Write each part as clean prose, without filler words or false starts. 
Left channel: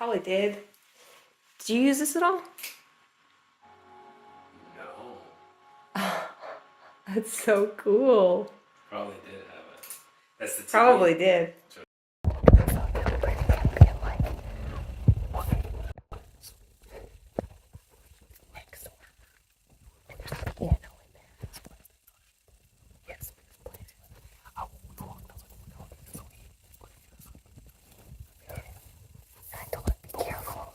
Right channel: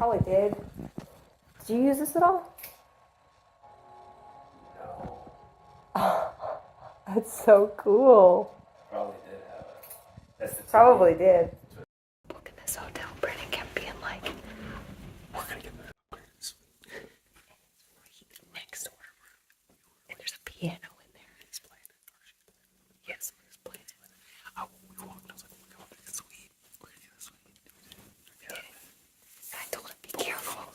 Probably did. Did you use this at all? No. Oh, that's so cool. Probably did have it. That's the TV. Probably did. So now Brennan kept being like, we're gonna get next door. And there's a piano in there. It's playing. Yes, it's playing. Oh, we walked outside. So I told him be careful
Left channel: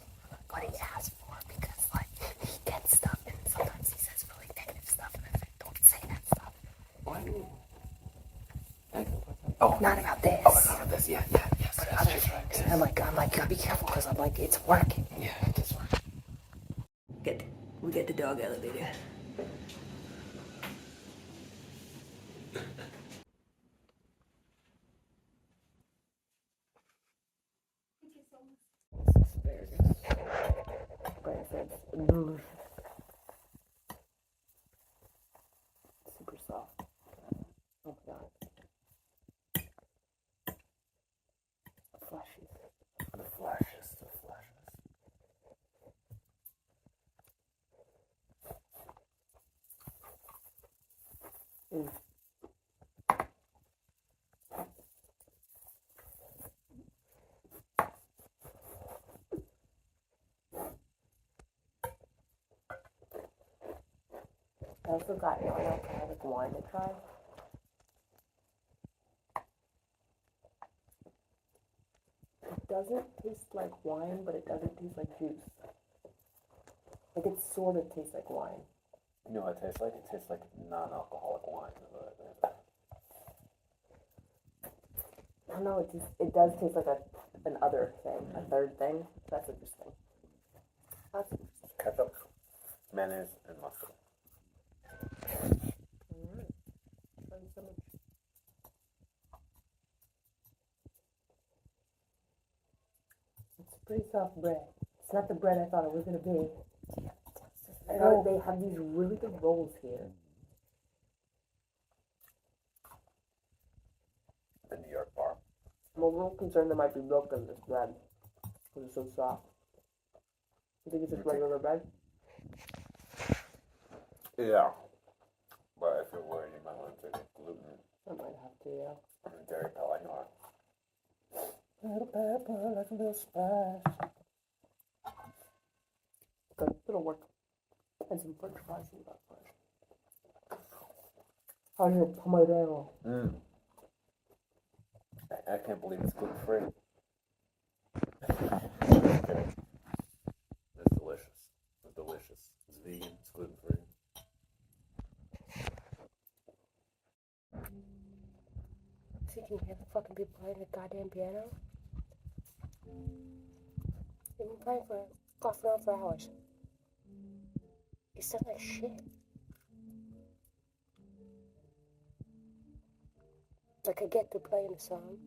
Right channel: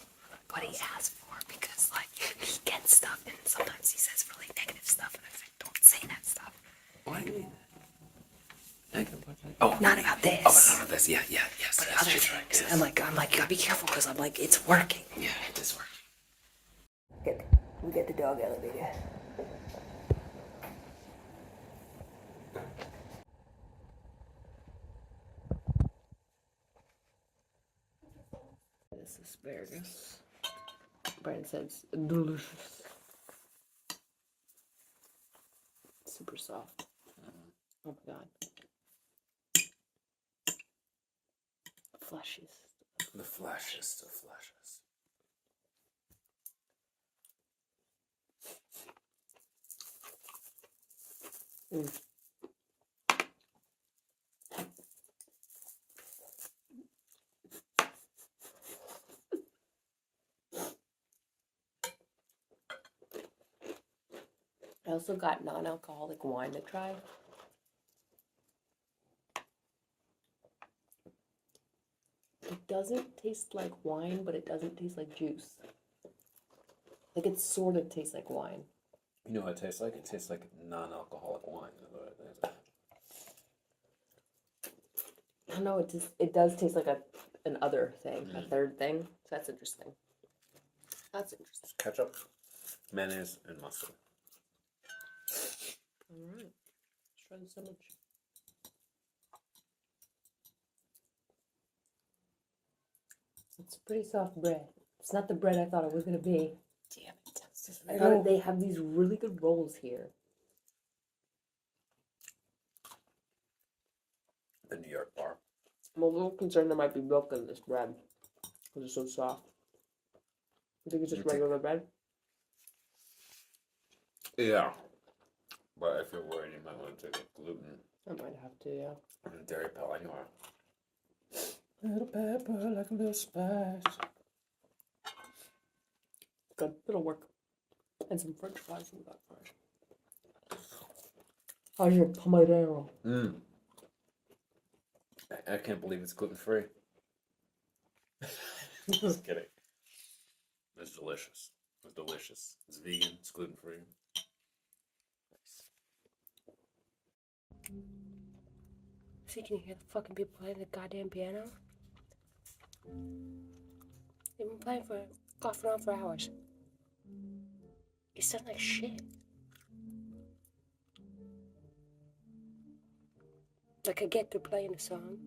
what he asked for because like he gets stuff and sometimes he says really negative stuff and I said don't say that stuff. What do you mean? Oh, not about this. Oh, not about this. Yeah, yes. But other things. Yes. I'm like, you gotta be careful because I'm like, it's working. Yeah, it is working. We get the dog elevator. This asparagus. Brian says delicious. Super soft. Oh my god. Fleshiest. The fleshiest of fleshes. Mm. I also got non-alcoholic wine to try. It doesn't taste like wine, but it doesn't taste like juice. Like it sort of tastes like wine. You know what it tastes like? It tastes like non-alcoholic wine. I don't know, it does taste like an other thing, a third thing. That's interesting. That's interesting. Ketchup, mayonnaise, and mustard. Alright. Try the sandwich. It's pretty soft bread. It's not the bread I thought it was gonna be. Damn it. I thought they have these really good rolls here. The New York bar. I'm a little concerned there might be milk in this bread because it's so soft. You think it's just regular bread? Yeah. But if you're worried, you might want to take gluten. I might have to, yeah. And a dairy pill anyway. A little pepper, like a little spice. Good, it'll work. And some french fries in that fries. How's your pomodoro? I can't believe it's gluten-free. Just kidding. It's delicious. It's delicious. It's vegan. It's gluten-free. See, can you hear the fucking people playing the goddamn piano? They've been playing off and on for hours. It sounds like shit. Like I get they're playing a song.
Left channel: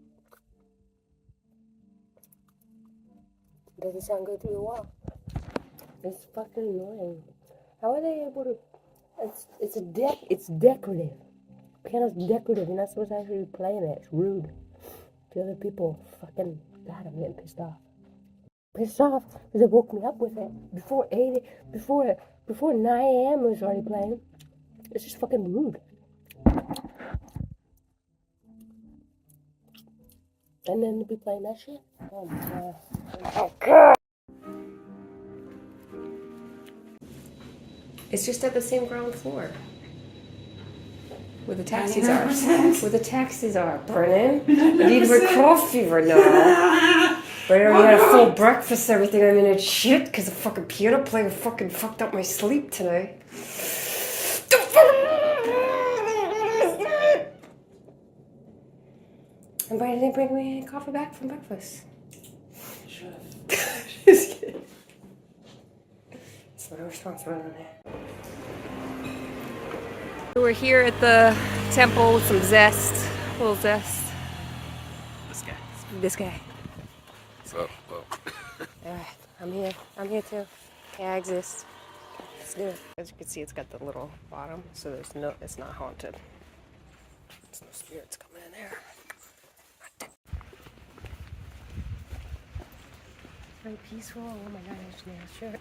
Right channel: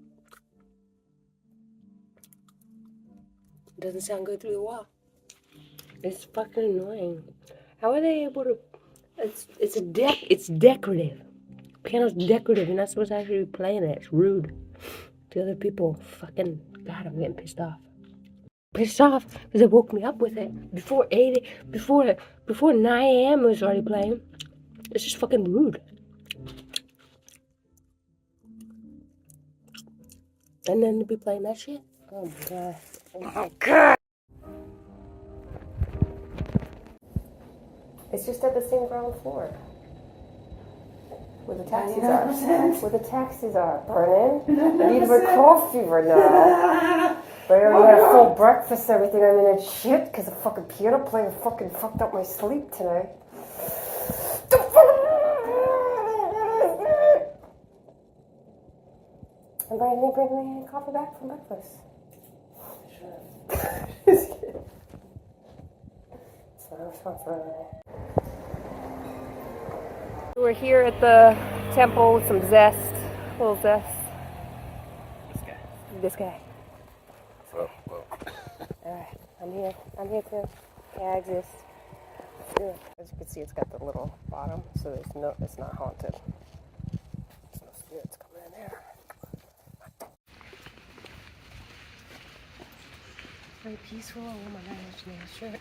It doesn't sound good through the wall. It's fucking annoying. How are they able to? It's decorative. Piano's decorative. You're not supposed to actually be playing it. It's rude. The other people, fucking God, I'm getting pissed off. Pissed off because they woke me up with it before 9 a.m. it was already playing. It's just fucking rude. And then to be playing that shit. Oh my god. Oh god. It's just at the same ground floor. Where the taxis 99%. are. Where the taxis are, Brennan. I need my coffee right now. But I already had a full breakfast, everything. I'm in a shit because the fucking piano playing fucking fucked up my sleep tonight. And Brian didn't bring me any coffee back from breakfast. Just kidding. It's my responsibility. We're here at the temple with some zest. A little zest. This guy. So, Alright, I'm here. I'm here too. Yeah, I exist. Let's do it. As you can see, it's got the little bottom, so it's not haunted. There's no spirits coming in there. Very peaceful. Oh my god, that's a nice shirt.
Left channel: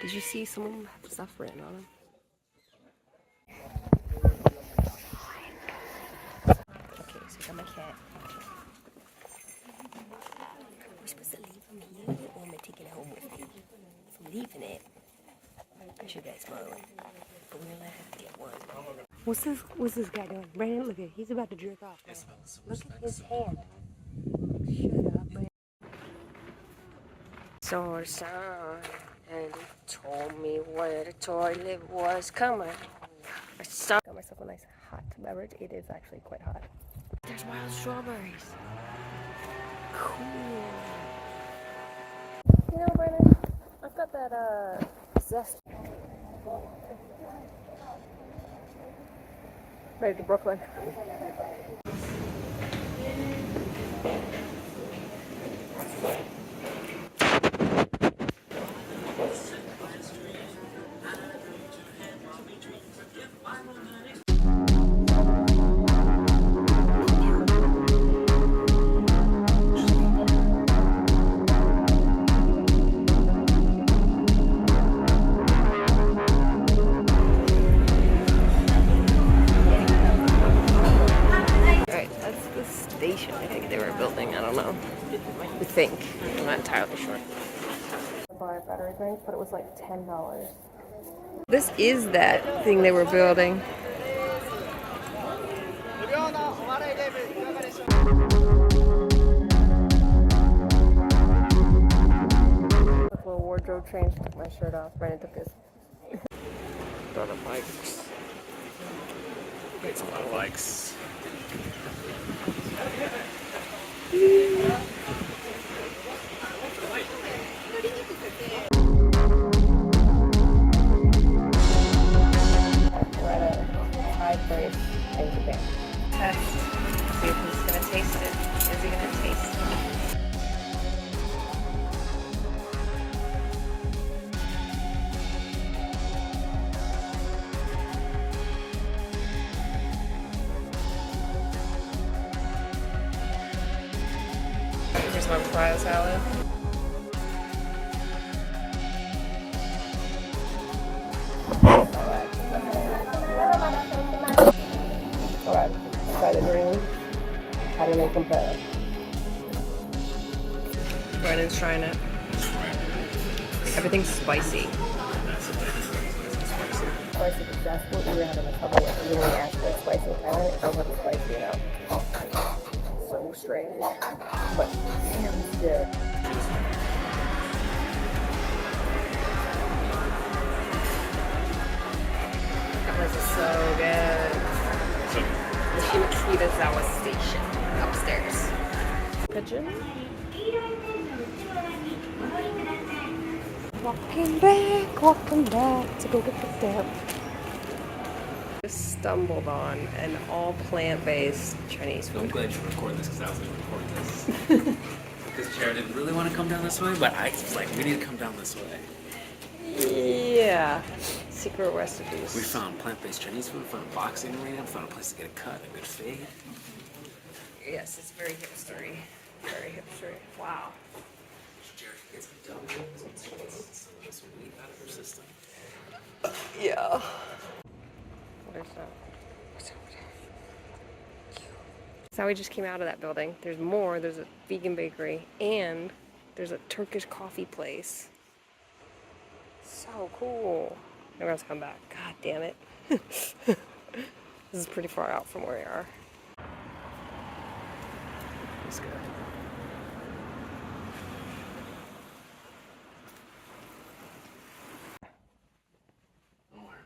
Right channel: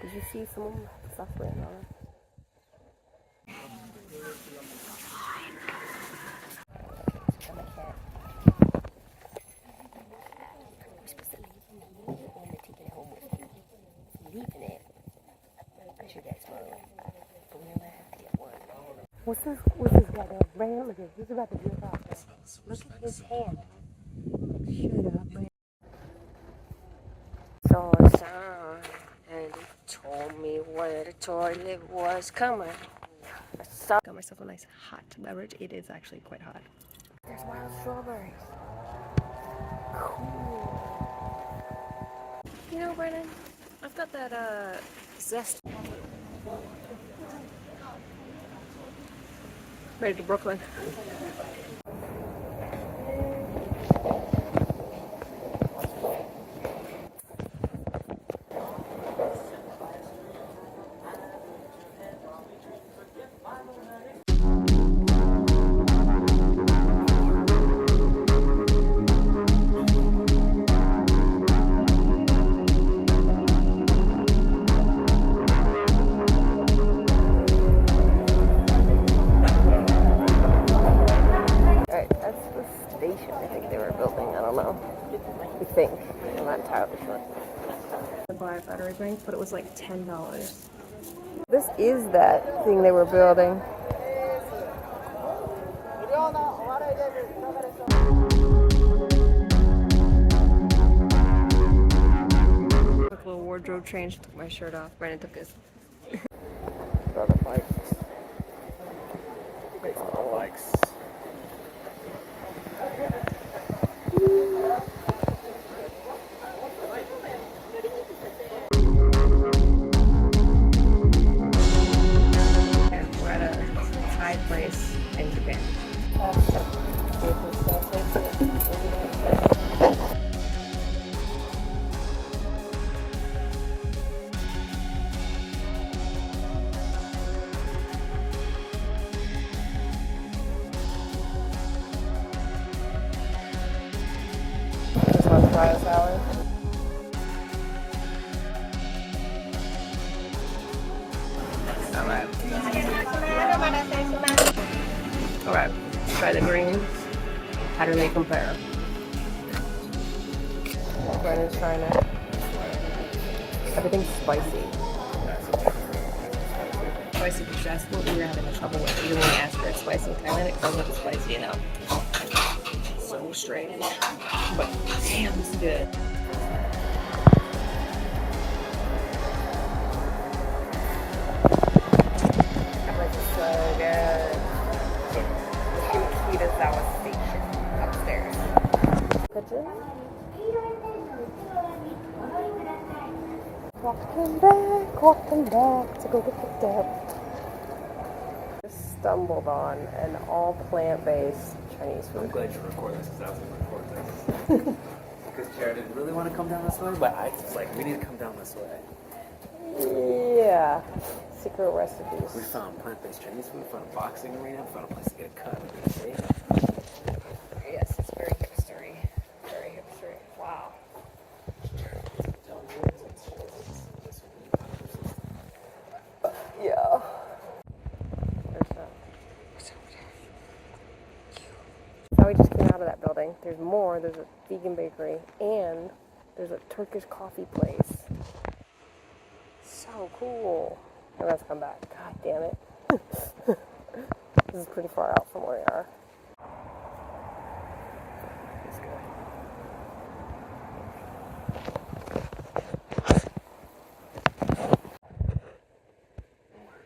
Did you see someone suffering on him? Okay, so I got my cat. We're supposed to leave him here, or am I taking it home with me? If I'm leaving it, I should get smaller. But we're gonna have to get one. What's this guy doing? Brandon, look at it. He's about to jerk off. Look at his hand. Shut up, man. So sad. And he told me where the toilet was coming. I got myself a nice hot beverage. It is actually quite hot. There's wild strawberries. Cool. You know, Brennan, I've got that zest. Ready to Brooklyn. I think they were building, I don't know. I think. I'm not entirely sure. I bought battery bank, but it was like $10. This is that thing they were building. Took a little wardrobe change, took my shirt off. Brandon took his brother bikes. It's all bikes. Place in Japan. Test them. See if he's gonna taste it. Is he gonna taste it? Here's one cryo salad. Alright, try the greens. How do they compare? Brennan's trying it. Everything's spicy. Spicy, because that's what we were having trouble with. Even when we asked for it spicy in Thailand, it comes up spicy, you know. So strange. But damn, it's good. This is so good. The Shimokitazawa station upstairs. Kitchen. Walking back to go get the step. Just stumbled on an all plant-based Chinese food. I'm glad you recorded this because I was going to record this. Because Jera didn't really want to come down this way, but I was like, we need to come down this way. Yeah. Secret recipes. We found plant-based Chinese food, we found a boxing arena, we found a place to get a cut, a good fade. Yes, it's very hipstery. Very hipstery. Wow. Yeah. So we just came out of that building. There's more. There's a vegan bakery and there's a Turkish coffee place. So cool. I'm gonna come back. God damn it. This is pretty far out from where we are. Let's go.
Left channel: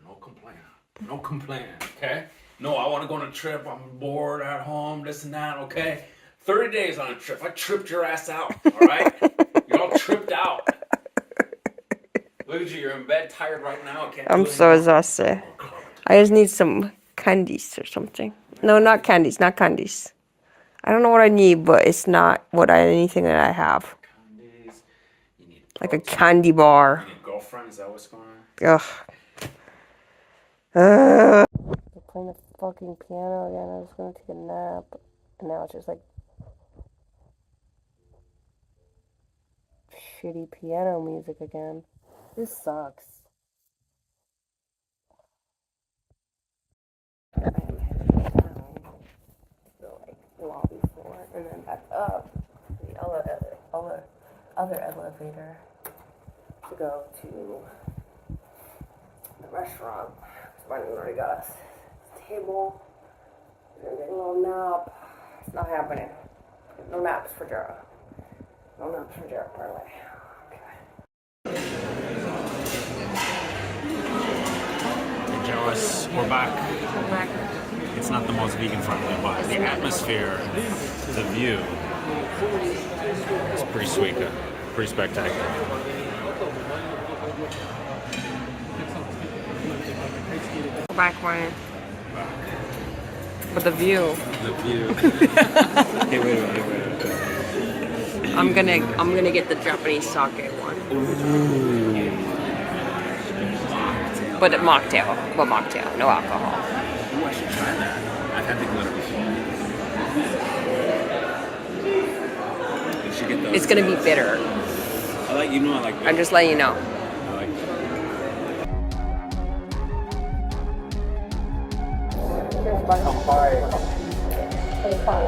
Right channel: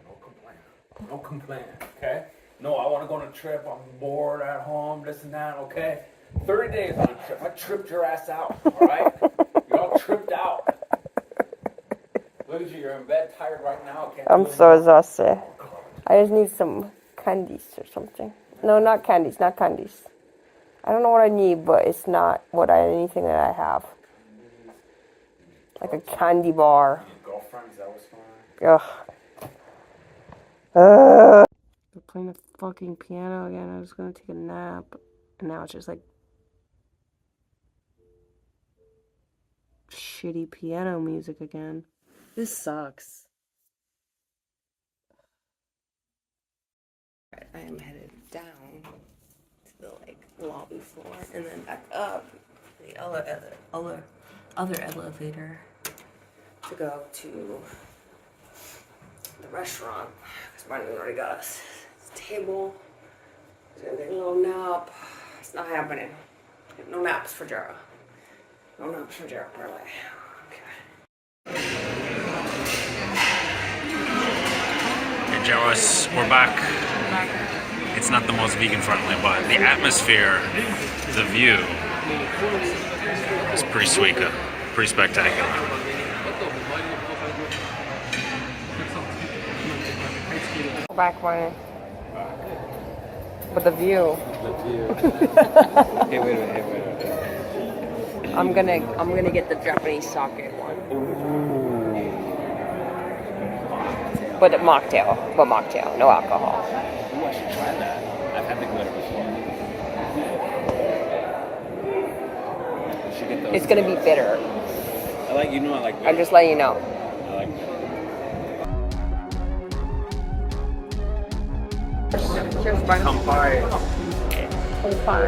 No complaint. No complaint, okay? No, I want to go on a trip. I'm bored at home, this and that, okay? 30 days on a trip. I tripped your ass out, all right? You're all tripped out. Look at you. You're in bed, tired right now. I'm so exhausted. I just need some candies or something. No, not candies. Not candies. I don't know what I need, but it's not anything that I have. Like a candy bar. You need a girlfriend? Is that what's going Ugh. on? They're playing the fucking piano again. I was gonna take a nap, and now it's just like shitty piano music again. This sucks. I am headed down to the lobby floor and then back up the other elevator to go to the restaurant. Because Martin already got us a table. He's gonna take a little nap. It's not happening. No naps for Jera. No naps for Jera, apparently. Hey, Joris, we're back. It's not the most vegan friendly, but the atmosphere, the view, is pretty sweet, pretty spectacular. We're back, Martin. But the view. The view. Hey, wait. I'm gonna get the Japanese sake one. But mocktail, no alcohol. Ooh, I should try that. I've had the glitter before. You should get those. It's gonna be bitter. I like bitter. I'm just letting you know. I like Cheers, bye. Come by. Come by.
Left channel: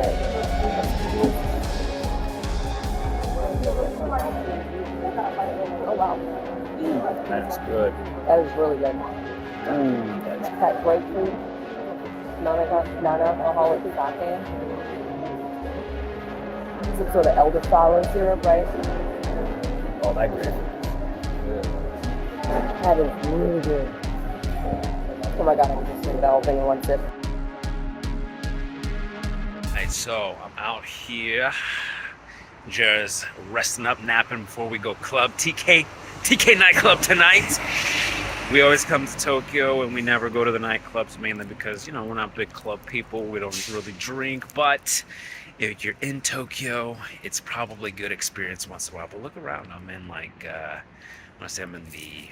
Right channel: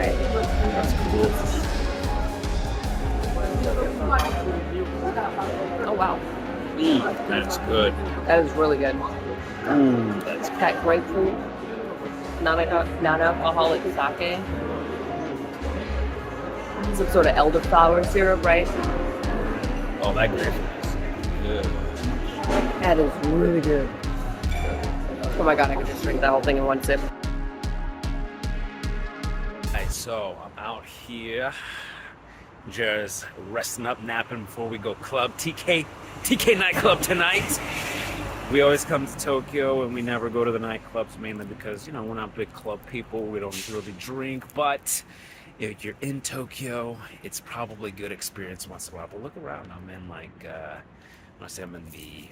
Oh wow. That's good. That is really good. That's That grapefruit, non-alcoholic sake. Some sort of elderflower syrup, right? Oh, that grapefruit is good. That is really good. Oh my god, I could just drink that whole thing in one sip. Alright, so I'm out here. Jera's resting up, napping before we go club. TK nightclub tonight. We always come to Tokyo and we never go to the nightclubs, mainly because, we're not big club people. We don't really drink, but if you're in Tokyo, it's probably a good experience once in a while. But look around. I'm in I want to say I'm in the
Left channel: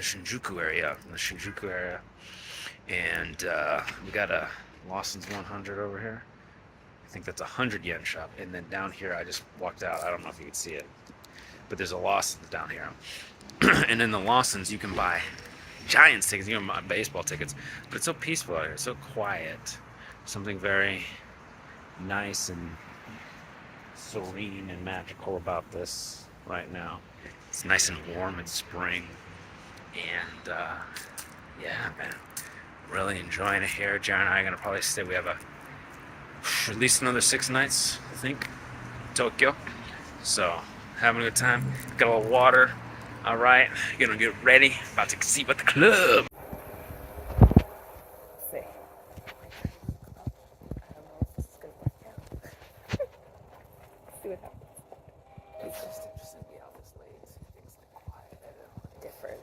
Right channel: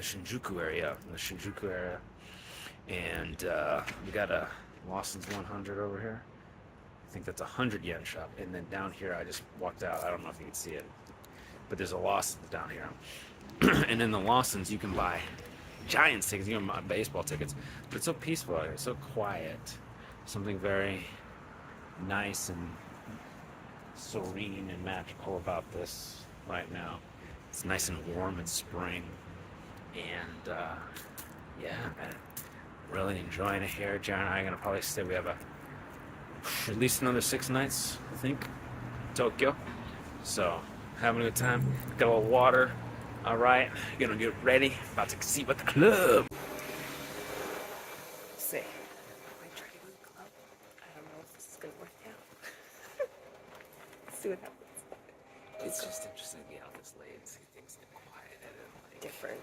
Shinjuku area. And we got a Lawson's 100 over here. I think that's a 100 yen shop. And then down here, I just walked out. I don't know if you can see it, but there's a Lawson's down here. And in the Lawson's, you can buy Giants tickets. You can buy baseball tickets. But it's so peaceful out here. It's so quiet. Something very nice and serene and magical about this right now. It's nice and warm in spring. And, yeah, man. Really enjoying it here. Jera and I are going to probably stay. We have at least another 6 nights, I think, in Tokyo. So, having a good time. Got a little water. All right, gonna get ready. About to see what the club. Let's see. I don't know if this is gonna work out. Let's see what happens. It's just interesting to be out this late and see things get quiet and Different.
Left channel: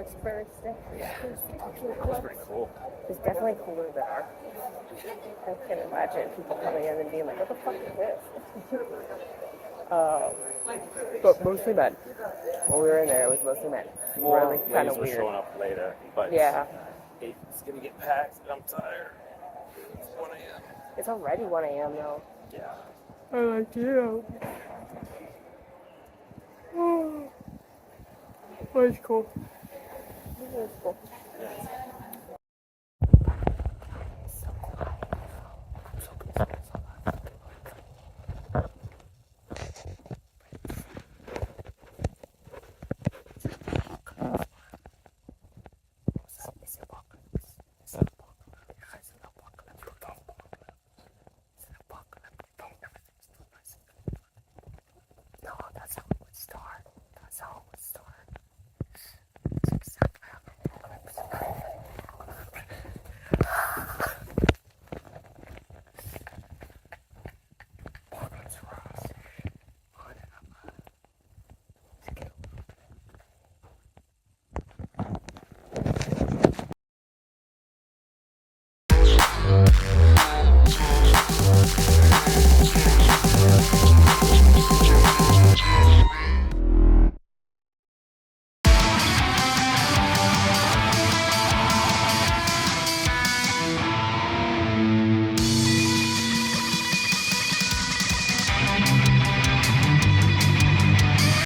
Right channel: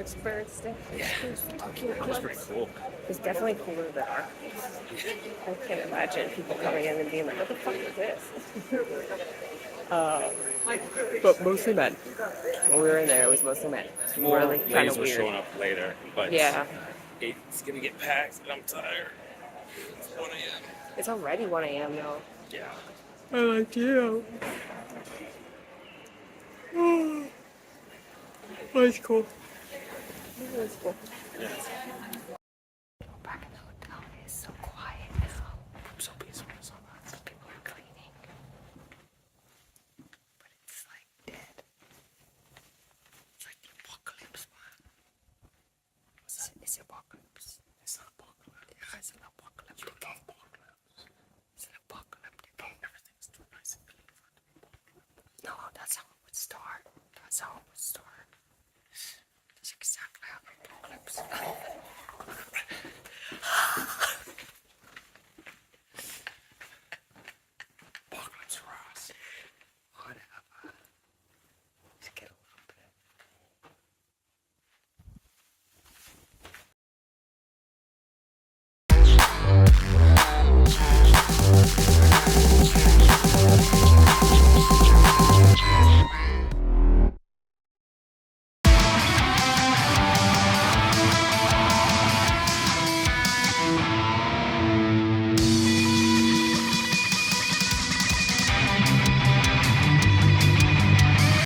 experienced it. Yeah, It was fucking it was pretty cool. It's definitely cooler than our place. I can't imagine people coming in and being like, what the fuck is this? But mostly men. When we were in there, it was mostly men. It's More really kind ladies of were weird. showing up later, but Yeah. it's gonna get packed, and I'm tired. It's 1 a.m. It's already 1 a.m. though. Yeah. I like you. That's cool. That's cool. Yeah. It's so quiet now. So peaceful. People are cleaning. Is it apocalypse? It's not apocalypse.